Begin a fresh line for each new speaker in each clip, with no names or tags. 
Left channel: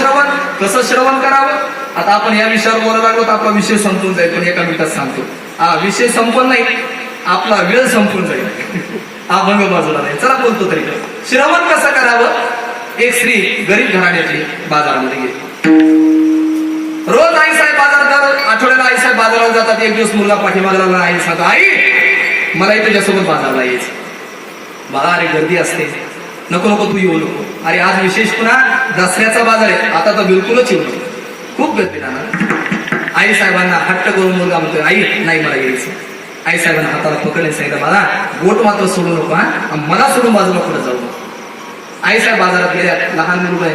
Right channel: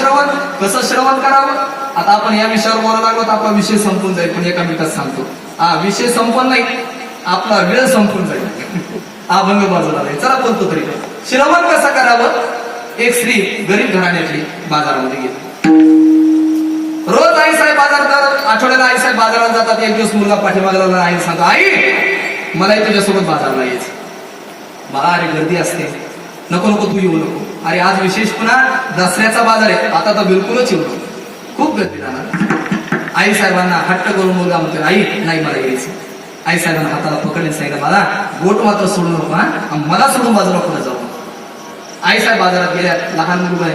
श्रवण कसं श्रवण करावं? आता आपण या विषयावर बोलत आहोत आपला विषय संपून जाईल पण एका मिनिटात सांगतो. हा विषय संपून नाही आपला वेळ संपून जाईल. हा भंग बाजूला नाही चला बोलतो तरी. श्रवण कसं करावं? एक स्त्री गरीब घराण्याची बाजारामध्ये गेली. रोज आई साहेब बाजारात आठवड्याला आई साहेब बाजारात जातात. एक दिवस मुलगा पाठीमागे आई सांगतो आई मलाही तुझ्यासोबत बाजारला यायचं बघा अरे गर्दी असते. नको नको तू येऊ नको. अरे आज विशेष पुन्हा दसऱ्याचा बाजार आहे. आता तर बिलकुलच येऊ खूप गर्दी राहणार. आई साहेबांना हट्ट करून मुलगा म्हणतोय आई नाही मला यायचं. आई साहेबांना हाताला पकडले सांगितलं मला गोट मात्र सोडू नको हा. आणि मला सोडून बाजूला पुढे जाऊ आई साहेब बाजारात गेल्या लहान मुलगा आहे.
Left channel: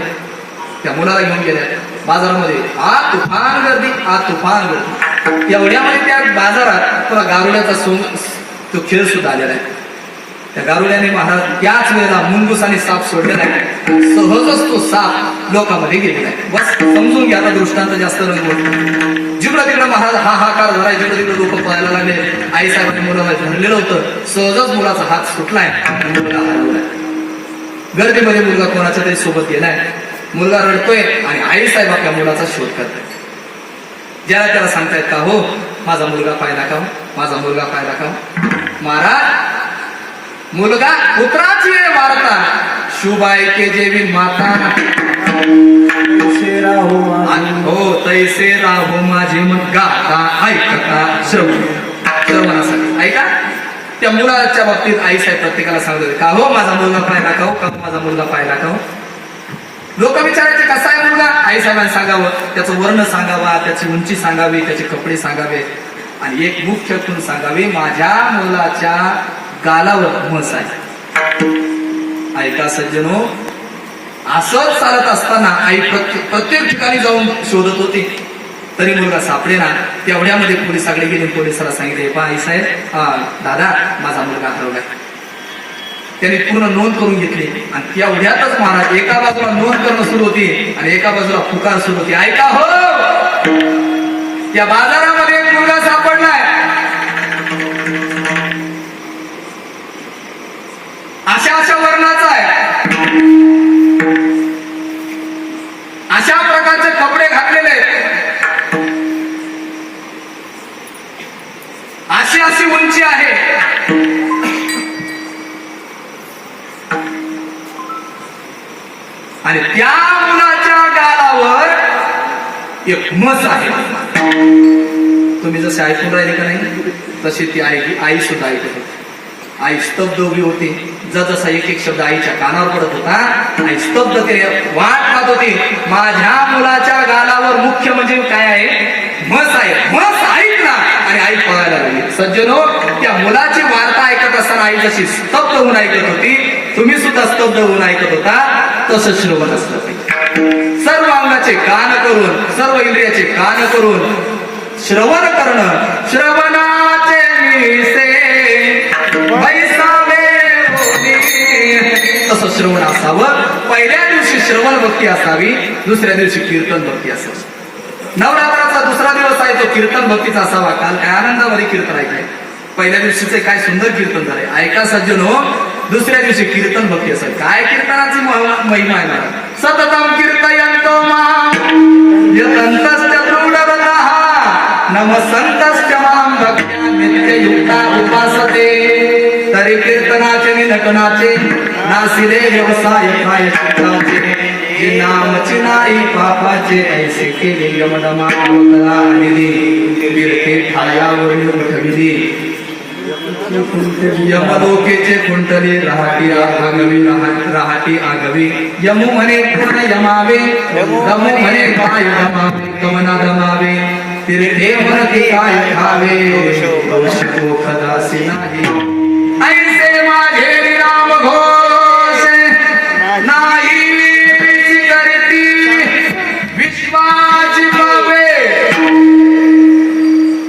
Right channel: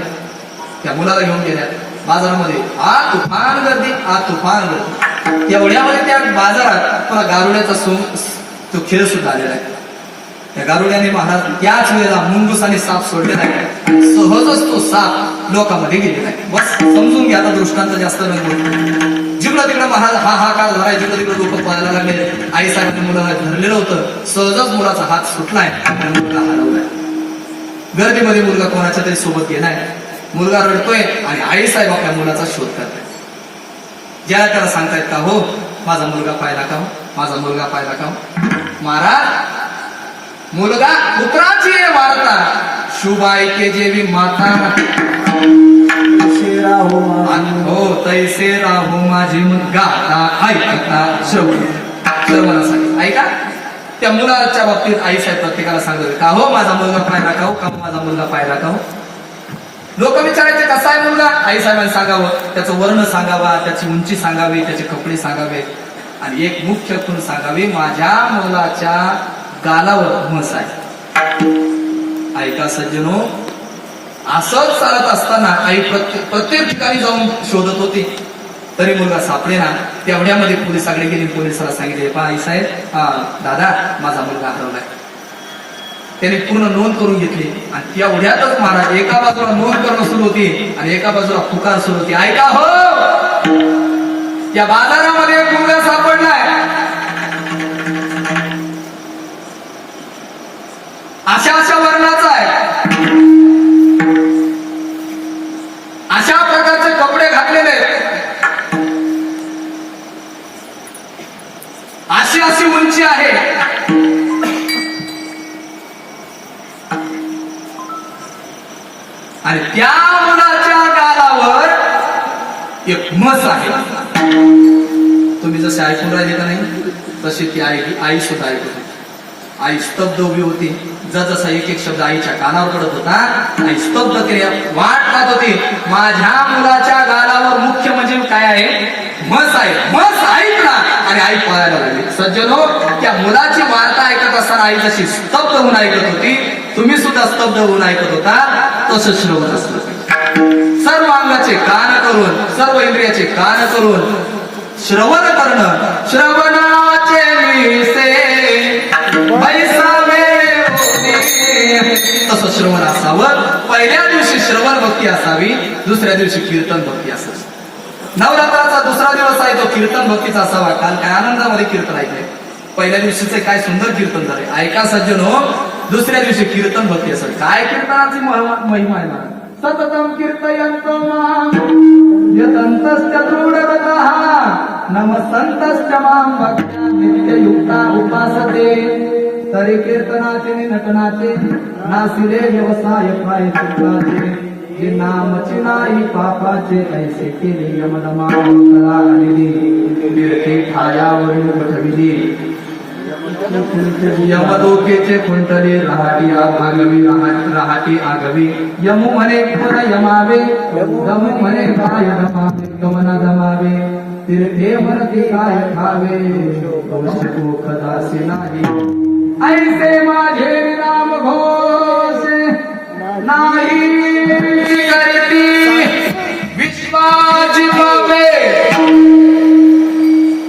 त्या मुलाला घेऊन गेल्या. बाजारामध्ये आ तुफान गर्दी आ तुफान गर्दी. एवढ्यामध्ये त्या बाजारात तुला गारुड्याचा सोन तो खेळ सुद्धा आलेला आहे. त्या गारुड्याने महाराज त्याच वेळेला मुंगुसाने साप सोडलेला आहे. सहजच तो साप लोकांमध्ये गेलेला आहे. बस समजून घ्या दृष्टांत जास्त नको जिकडं तिकडं महाराज हा हा कार झालाय जिकडं तिकडं लोक पळायला लागले. आई साहेबांनी मुलाला धरलेलं होतं. सहजच मुलाचा हात सुटलाय. गर्दीमध्ये मुलगा कोणाच्या तरी सोबत गेलाय. मुलगा रडतोय आणि आई साहेब आपल्या मुलाचा शोध करताय ज्याला त्याला सांगतायत का हो माझा मुलगा पाहिला का हो? माझा मुलगा पाहिला का हो? महाराज मुलगा पुत्राची वार्ता. शुभायके जेवी माता अनुभव हो तैसे राहो माझे मग गाता ऐकता श्रवण. श्रवणासाठी ऐका त्या मुलाच्या बाबतीत आई साहेब प्रत्येकाला सांगत का हो माझा मुलगा पाहिला का हो? का हो, माझा मुलगा पाहिला का हो? लोक विचारायचे कसा आहे मुलगा? आई साहेबांनी सांगावं त्याचं वर्ण सांगावा त्याची उंची सांगावी त्याचे कपडे सांगावे. आणि एक मुख्य खूण सांगावी माझ्या मुलाच्या गालावर म्हस आहे ऐका सज्जनो असंच चालत असताना आई प्रत्येक प्रत्येक ठिकाणी जाऊन शोधत होती. तरी मुलगा सापडे ना तेवढ्यामध्ये पोलिसाकडे गेली पोलिसाला सांगितले पा आई साहेब हा दादा माझा मुलगा हरवलाय. त्यांनी पूर्ण नोंद करून घेतली. आणि तेवढ्यातच महाराज एका बाजूला नोंद करणं सुरू होती आणि एका बाजूला पुकार सुरू होती. ऐका हो! त्या बाजारामध्ये मुलगा सापडलाय. अशा अशा वर्णाचा आहे. अशा प्रकारचे कपडे घातलेले आहेत. अशी अशी उंची आहे. आणि त्या मुलाच्या गालावर एक मस आहे. तुम्ही जसे ऐकून राहिले का नाही तशी ती आई आई सुद्धा ऐकत होती आई स्तब्ध उभी होती. जसा एक एक शब्द आईच्या कानावर पडत होता आई स्तब्ध केली वाट पाहत होती. माझ्या मुलाच्या गालावर मुख्य म्हणजे काय आहे? मस आहे. मस ऐकला आणि आई पळायला लागली. सज्जनो हो, त्या मुलाची वार्ता ऐकत असताना आई जशी स्तब्ध होऊन ऐकत होती तुम्ही सुद्धा स्तब्ध होऊन ऐकत होता तसं श्रवण असलं सर्व अंगाचे कान करून सर्व इंद्रियाचे कान करून श्रवण करणं श्रवण श्रवण असावं पहिल्या दिवशी श्रवण भक्ती असावी दुसऱ्या दिवशी कीर्तन भक्ती असावी. नवरात्राचा दुसरा दिवस आहे तो कीर्तन भक्तीचा असावा. काल काय आनंदामध्ये कीर्तन ऐकलंय पहिल्या दिवशीचे काय सुंदर कीर्तन झाले. ऐका सज्जन हो दुसऱ्या दिवशी कीर्तन भक्ती असेल काय कीर्तनाची महिमा आहे ना सततम कीर्तयंतो नम संतश्च माम भक्त्या नित्ययुक्ता उपासते. तरी कीर्तनाचे नि नटनाचे नासिले व्यवसाय काय जे नामची नाही पापाचे, ऐसे केले निधी तीर्थे ठायावरील उठविली यमलोकेचे कुंटले राहाटी आगवी राहाटी आगवी. यमु म्हणे कोण यमावे रमु म्हणे काय रमावे कमन रमावे तीर्थे म्हणते काय खावे? कौशिको खदासी नाही. ऐसे माझे राम घोष नाही करती विश्वाची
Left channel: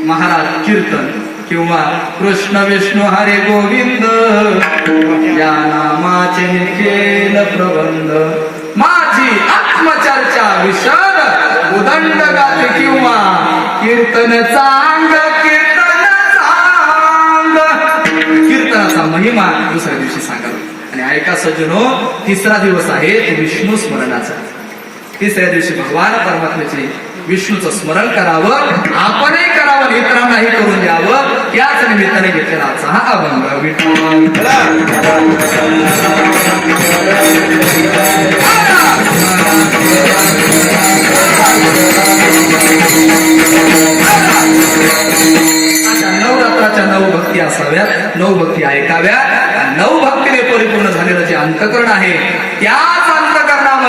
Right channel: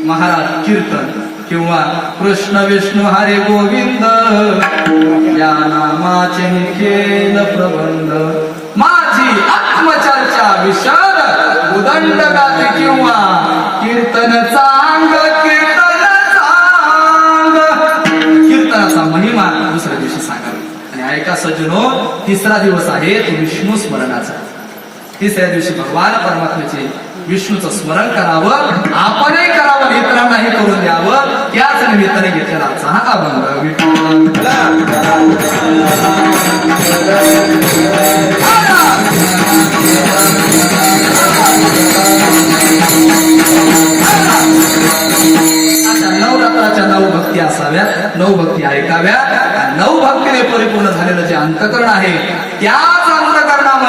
महाराज कीर्तन किंवा कृष्ण विष्णू हरे गोविंद या नामाचे हे केल प्रबंध. माझी आत्मचर्चा विशाल उदंड गाते किंवा कीर्तन चांग कीर्तन कीर्तनाचा महिमा दुसऱ्या दिवशी सांगावे. आणि ऐका सज्जनो तिसरा दिवस आहे तो विष्णू स्मरणाचा. तिसऱ्या दिवशी भगवान परमात्म्याचे विष्णूचं स्मरण करावं आपणही करावं इतरांनाही करून द्यावं याच निमित्ताने घेतलेला आजचा हा अभंग. विठ्ठल.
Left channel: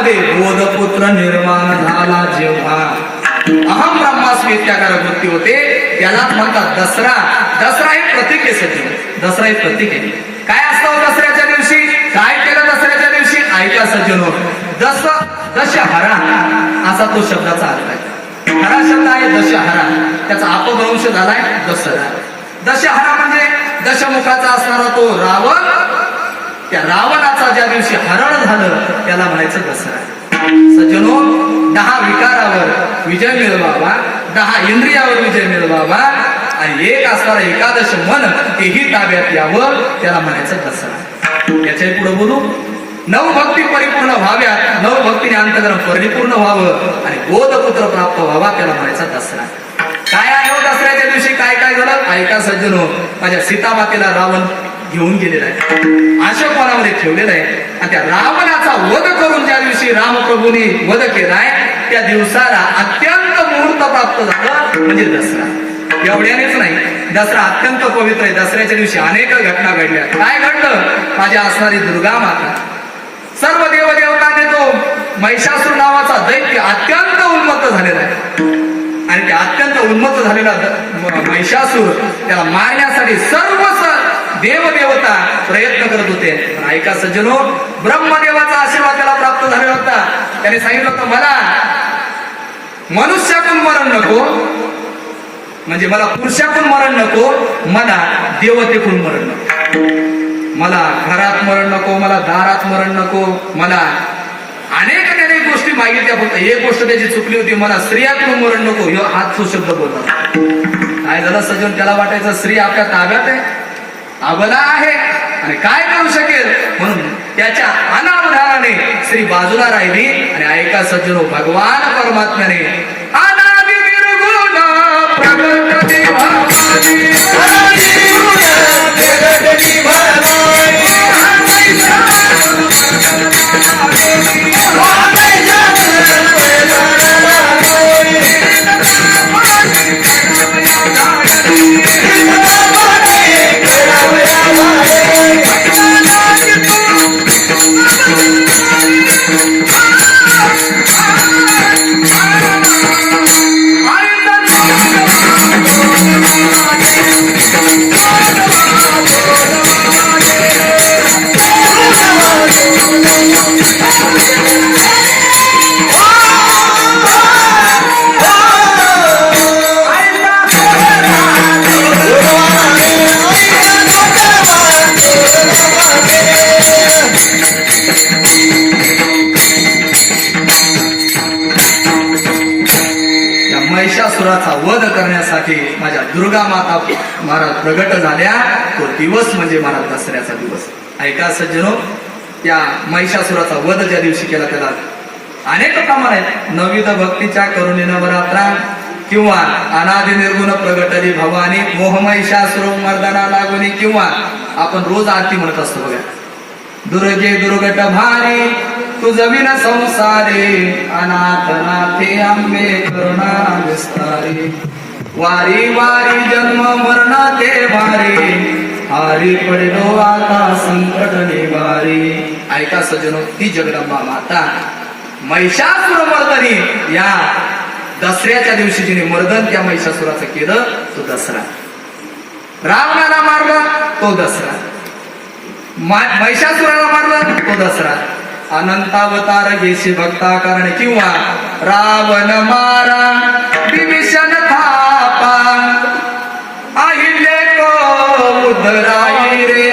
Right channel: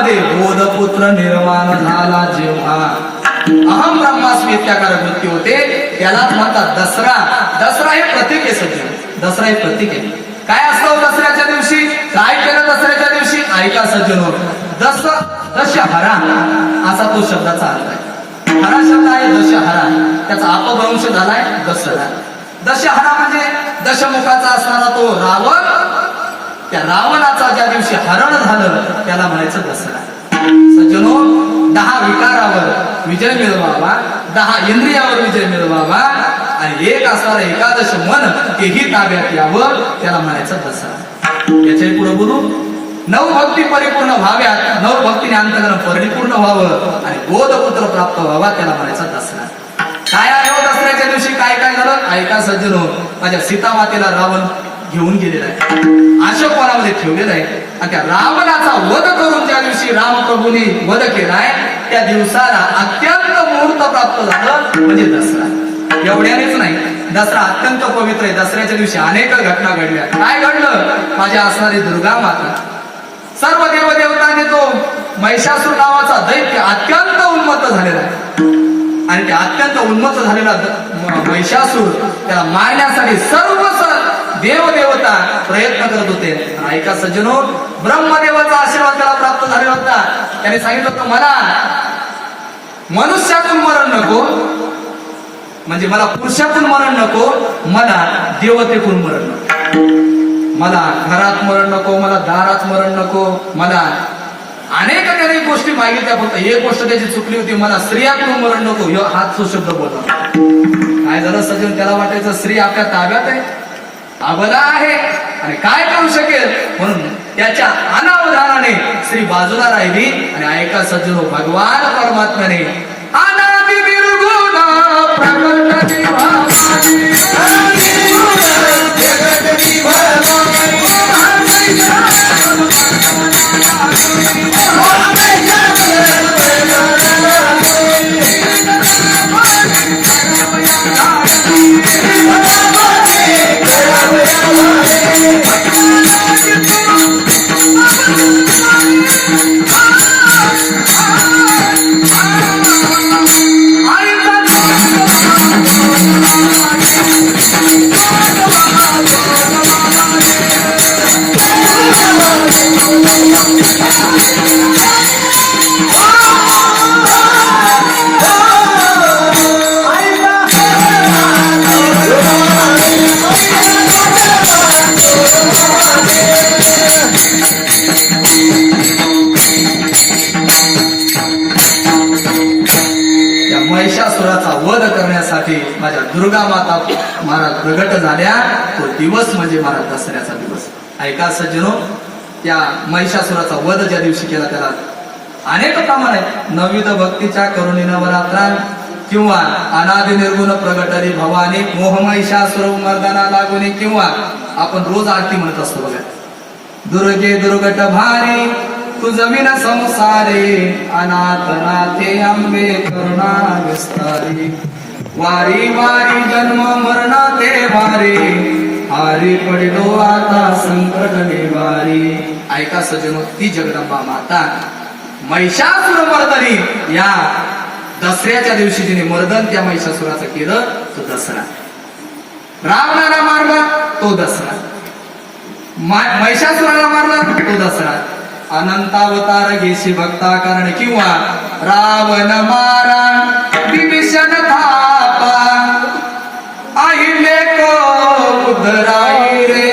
मध्ये बोधपुत्र निर्माण झाला जेव्हा. अहम ब्रह्मास्मी इत्याकारक वृत्ती होते त्यालाच म्हणतात दसरा. दसरा हे प्रतीक आहे सचिव दसरा हे प्रतीक. आहे काय असतं हो दसऱ्याच्या दिवशी? काय केलं दसऱ्याच्या दिवशी? ऐका सज्जनो दस दशहरा. असा तो शब्दाचा अर्थ आहे. हरा शब्द आहे दशहरा. त्याचा अपभ्रंश झालाय दसरा. दशहरा म्हणजे दशमुखाचा असणारा तो रावण त्या रावणाचा ज्या दिवशी हरण झालं त्याला म्हणायचं दसरा. सजनो दहा विकारावर विजय मिळवावा दहा इंद्रियावर विजय मिळवावा आणि एक असणारा एकादश मन तेही ताब्यात यावं त्याला म्हणायचं दसरा. याच्यापुढे बोलू. नव भक्ती परिपूर्ण व्हाव्यात नव भक्तीने अंतकरण परिपूर्ण व्हावं आणि बोधपुत्र प्राप्त व्हावा त्याला म्हणायचा दसरा. काय आहे हो दसऱ्याच्या दिवशी? काय काय झालं? ऐका सज्जनो माझ्या सीतामातेला रावण घेऊन गेलेला आहे. अशा कोणामध्ये ठेवलेला आहे. आणि त्या रावणाचा वध करून ज्या दिवशी रामप्रभूने वध केलाय त्या दिवसाला अत्यंत मुहूर्त प्राप्त झालं म्हणजे दसरा. एवढ्यानेच नाही दसरा अत्यंत पवित्र आहे. दसऱ्याच्या दिवशी अनेक घटना घडल्या. काय घडलं? माझ्या असणारी दुर्गा माता. सर्व देवदेवतांनी तो महिषासूर नावाचा दैत्य अत्यंत उन्मत्त झालेला आहे. आणि त्या अत्यंत उन्मत्त झालेला महिषासूर त्याला मारण्यासाठी सर्व स- देवदेवता प्रयत्न करत होते. ऐका सज्जनो ब्रह्मदेवाचा आशीर्वाद त्याला प्राप्त झालेला होता. त्याने सांगितलं होतं मला मनुष्यातून मरण नको. म्हणजे मला पुरुषातून मरण नको. मला देवतेतून मरण नको. मला घरात मरण नको मला दारात मरण नको. मला अनेक त्याने गोष्टी मागितल्या. फक्त एक गोष्ट त्याची चुकली होती मला स्त्रियाकडून मरण नको. ह्यो हात तो शब्द बोलला. काय झालं सजून त्याला वाटायचं स्त्री आपल्या ताब्यात आहे. अबला आहे. आणि काय करू शकेल? म्हणून त्याच्या अनावधानाने श्री बाजूला राहिली आणि ऐका सज्जनो भगवान परमात्म्याने अनादि महिषासुराचा वध करण्यासाठी माझ्या दुर्गा माता महाराज प्रगट झाल्या. तो दिवस म्हणजे महाराज दसऱ्याचा दिवस. ऐका सज्जनो त्या महिषासुराचा वध ज्या दिवशी केला त्याला अनेक प्रमाण आहेत. नविद भक्तीच्या करुणी नवरात्रा किंवा अनादि निर्गुण प्रगटरी भवानी मोहमहिषासुर मर्दना लागुनी किंवा आपण रोज आरती म्हणत असतो बघा. दुर्गे दुर्गट भारी तुझ विन संसारे अनाथ नाथे आंबे करुणा विस्तारे. वारी वारी जन्म मरणा ते भारी हारी पडलो आता संकट निवारी ऐका सजनो ती जगदंबा माता. महिषासुर मर्दनी या दसऱ्याच्या दिवशी तिने मर्दन त्या महिषासुराचं केलं तो दसरा. रावणाला मारला तो दसरा. महिषासुराला मारला तो दसरा. अनंतावतार घेशी भक्ता कारण किंवा रावण मारा. विभीषण था रे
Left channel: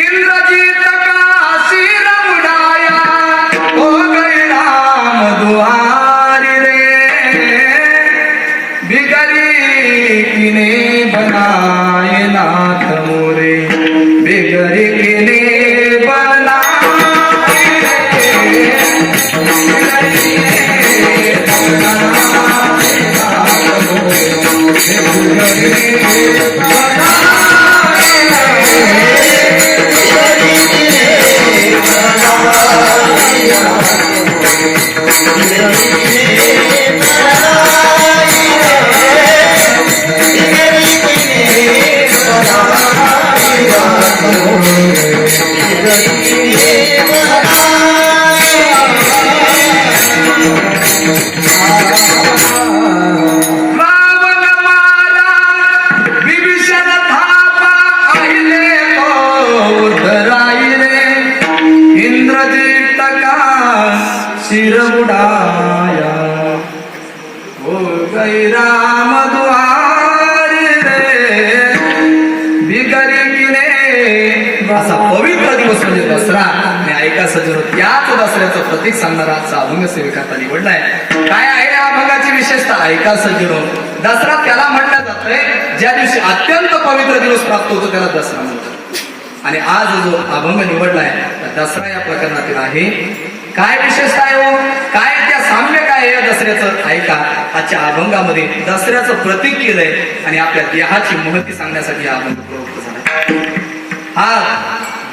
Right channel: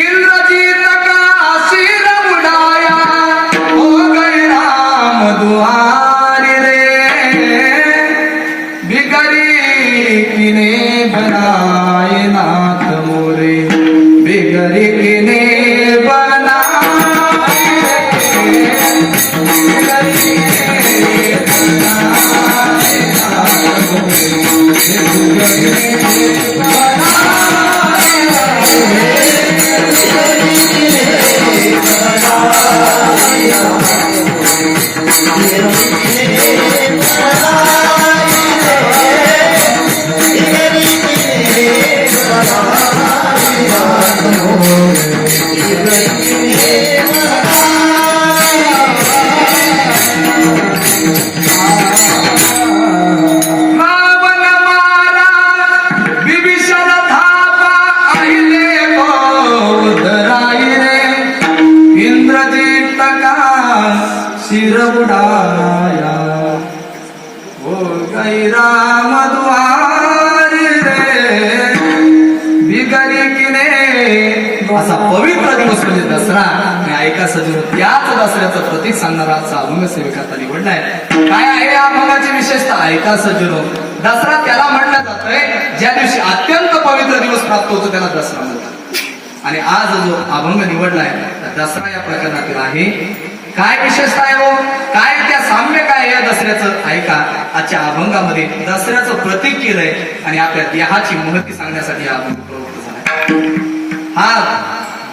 इंद्रजीत का शिर उडाया हो गए राम दुआरी रे बिगड़ी किने बनाए नाथ मोरे बिगड़ी किने बनाए रावण मारा विभीषण थापा अहिले मोदराई रे इंद्रजित का शिर बुडाया बिगरी किने असा पवित्र दिवस म्हणजे दसरा. आणि ऐका सजर त्याच दसऱ्याचं प्रतीक सांगणारा आजचा अभंग सेविकाचा निवडलाय काय आहे या अभंगाची विशेषता? ऐका सजनो दसरा त्याला म्हटलं जातंय ज्या दिवशी अत्यंत पवित्र दिवस प्राप्त होतो त्याला दसरा म्हणतात. आणि आज जो अभंग निवडलाय दसरा या प्रकरणातील आहे. काय विशेषता आहे हो? काय त्या साम्य काय आहे या दसऱ्याचं? ऐका आजच्या अभंगामध्ये दसऱ्याचं प्रतीक केलंय आणि आपल्या देहाची महती सांगण्यासाठी हा अभंग प्रवृत्त झाला. हा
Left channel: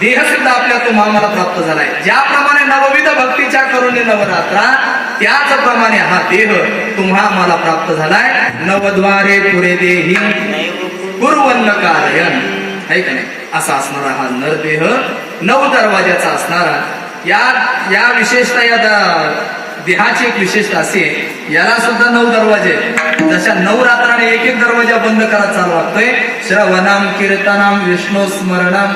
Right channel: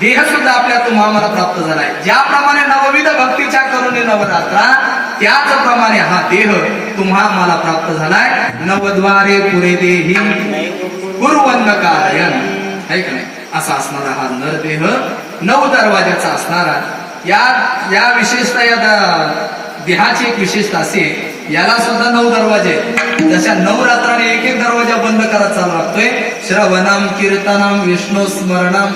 देह सुद्धा आपल्या तुम्हाला प्राप्त झालाय. ज्याप्रमाणे नवविध भक्तीच्या करून नवरात्रा त्याचप्रमाणे हा देह तुम्हा मला प्राप्त झालाय. नवद्वारे पुरे देही गुरुवन्न कारयन आहे का नाही? असा असणारा हा नरदेह नऊ दरवाजाचा असणारा या या विशेषता या देहाची एक विशेषता असे याला सुद्धा नऊ दरवाजे जशा नऊ रात्राने एक एक दरवाजा बंद करत चालू लागतोय श्रवणाम कीर्तनाम विष्णू स्मरणाम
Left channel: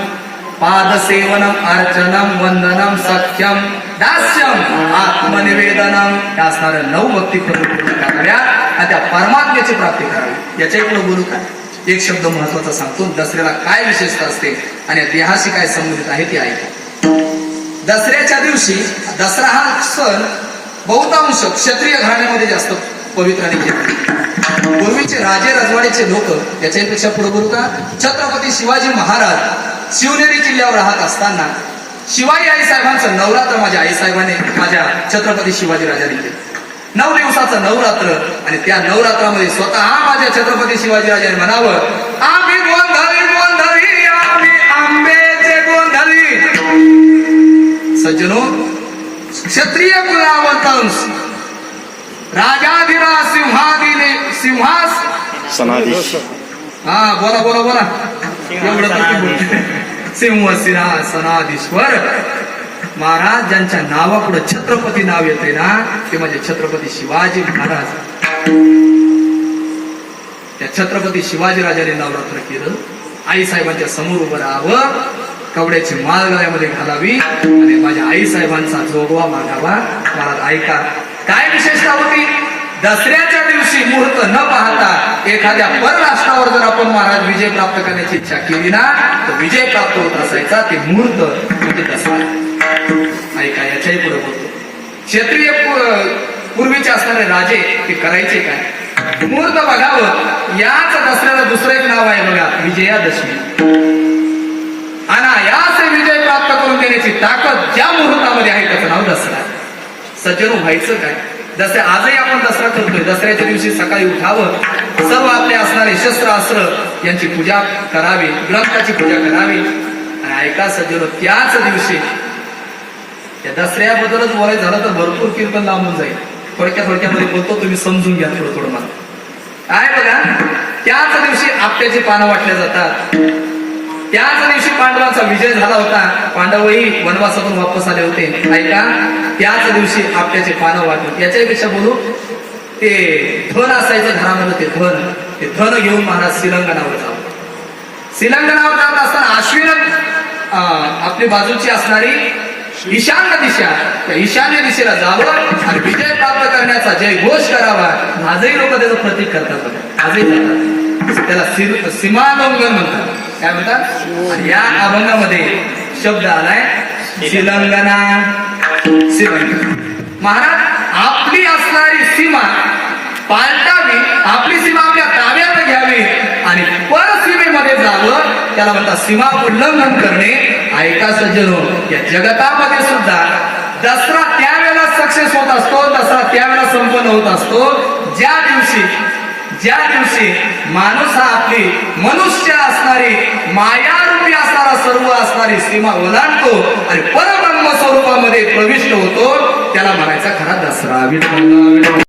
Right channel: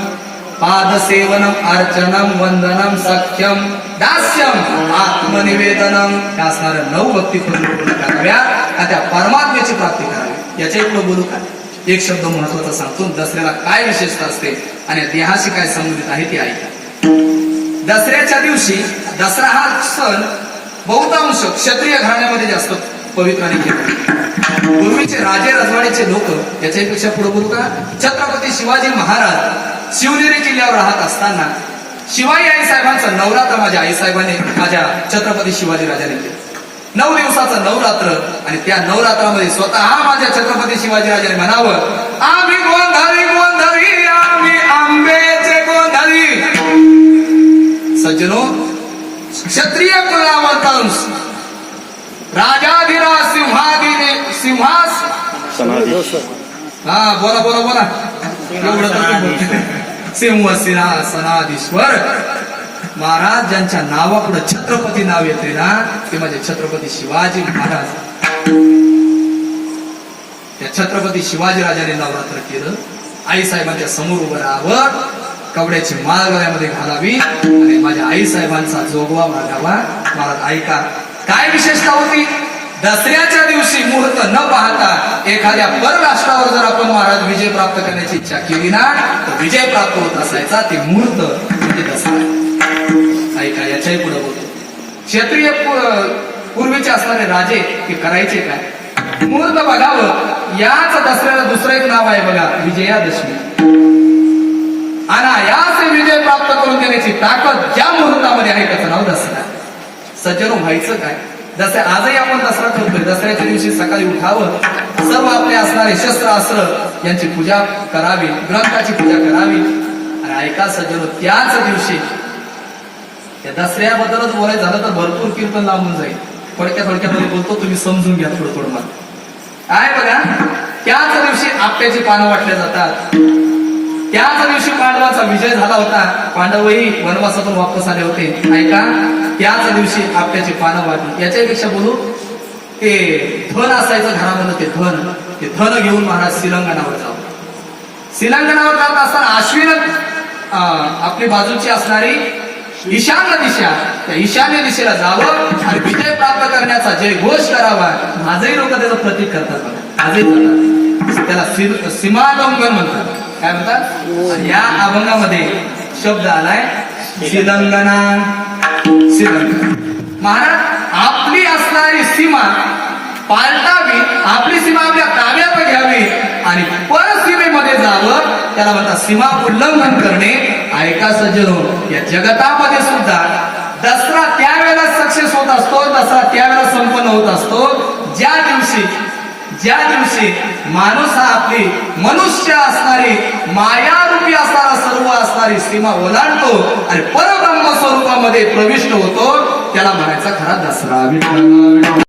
पादसेवनम अर्चनम वंदनम सख्यम दास्यम आत्मनिवेदनम. या असणाऱ्या नऊ भक्ती पूर्ण कराव्या आणि त्या परमात्म्याची प्राप्ती करावी? याच्यापुढे बोलू का? एक शब्द महत्त्वाचा सांगतो. दसऱ्याला काय विशेषता असते आणि देहाशी काय संबंधित आहे ते ऐका. दसऱ्याच्या दिवशी दसरा हा सण बहुतांश क्षत्रिय घराण्यामध्ये जास्त पवित्राने केला पूर्वीचे राजे रजवाड्याचे लोक याच्यापेक्षा पुढे बोलू का? छत्रपती शिवाजी महाराज शिवनेरी किल्ल्यावर राहत असताना शिवाई आई साहेबांचं नवरात्र माझ्या आई साहेबांनी माझ्या छत्रपती शिवाजी राजाने केलं. नऊ दिवसाचं नवरात्र आणि त्या नवरात्रामध्ये स्वतः माझ्या छत्रपती शिवाजी राजाने म्हणावं आम्ही गोंधळी गोंधळी आम्ही आंबेचे गोंधळी. सज्जनो क्षत्रिय कुलावतांश राजाधिराज सिंहादिने सिंहास हा बोला बोला बोला. एवढं तर सिंह सिंहासनाधीश्वर महाराज ज्यांच्या नावापुढे छत्रपती नाव येते ना ते माझे छत्रपती शिवाजी महाराज. त्या छत्रपती शिवाजी राजाने नवरात्र केलं. आई साहेबांच्या समोर उभं राहावं. कवड्याची माळ गळ्यामध्ये घालावी. आणि माझ्या आई साहेबांचा जोगवा मागावा. महाराज ऐका. काय विशेषता होती? दसऱ्याच्या दिवशी मुहूर्त न पाहता एखाद्या परराष्ट्रावर जर आपण महाराज विजय प्राप्त करण्याची इच्छा केली ना तर विजय प्राप्त होत असायचा ते मुहूर्त म्हणजे दसरा. ऐका याच्याही पुढे बोलतो. क्षत्रिय पूर्वीचे असणारे राजे ते करायचे काय? मुहूर्त बघावं याच दसऱ्याला दुसरं एक नाव आहे बघा विजयादशमी. अनायास विजय प्राप्त करून देण्याची ताकद ज्या मुहूर्तामध्ये आहे त्याचं नाव दसरा. सज्जन व्हायचं काय? जसे आजही आपण दसरा करतोय दसऱ्याच्या दिवशी सकाळी उठावं सर्व आपले असणारे शस्त्र अस्त्र यांची पूजा करावी ग्रंथाची पूजा करावी. आणि ऐका सज्जनो त्याच दिवशी त्या दसऱ्याबद्दलच बोलायचं झालं तर भरपूर कीर्तन लांबून जाईल. थोडक्या थोडक्यामध्ये बोलतो तुम्ही समजून घ्या थोडं थोडं मला. काय बघा त्याच दिवशी आपट्याची पानं वाटल्या जातात. त्याच दिवशी पांडवांचा विजय झाला होता. पांडवही वनवासातून वापस आले होते. ऐका त्याच दिवशी आपल्याचे पानं वाटली याच्यापेक्षा बोलू ते धन असायचं घरामध्ये ते धन. ते धन घेऊन महाराज श्रीलंगणावर जावं. श्रीलंगणावर जात असताना अश्विन आपली बाजूची असणारी ईशान्य दिशा त्या ईशान्य दिशेला जावं आणि विजय प्राप्त करण्याचा जय घोष करावा. आजही लोक त्याचं प्रतीक करतात आजही त्याला सि- म्हणतात. काय म्हणतात? या अभंगामध्ये शब्द आलाय. श्रीलंगना श्रीलंका. महाराज आपली असणारी सीमा पालटावी आपली सीमा आपल्या ताब्यात घ्यावी आणि परसीमेमध्ये जावं. त्याला म्हणतात सीमा उल्लंघन करणे. ऐका सज्जनो या जगतामध्ये सुद्धा दसरा त्यावेळेला सक्सेस होत असतो दसरा त्यावेळेला संपन्न होत असतो. ज्या दिवशी ज्या दिवशी माणूस हा आपली मनुष्य असणारी मायारूपी असणारा सर्व असणारी सीमा ओलांडतो आणि परब्रह्म स्वरूपामध्ये प्रविष्ट होतो त्याला म्हणायचा खरा दसरा.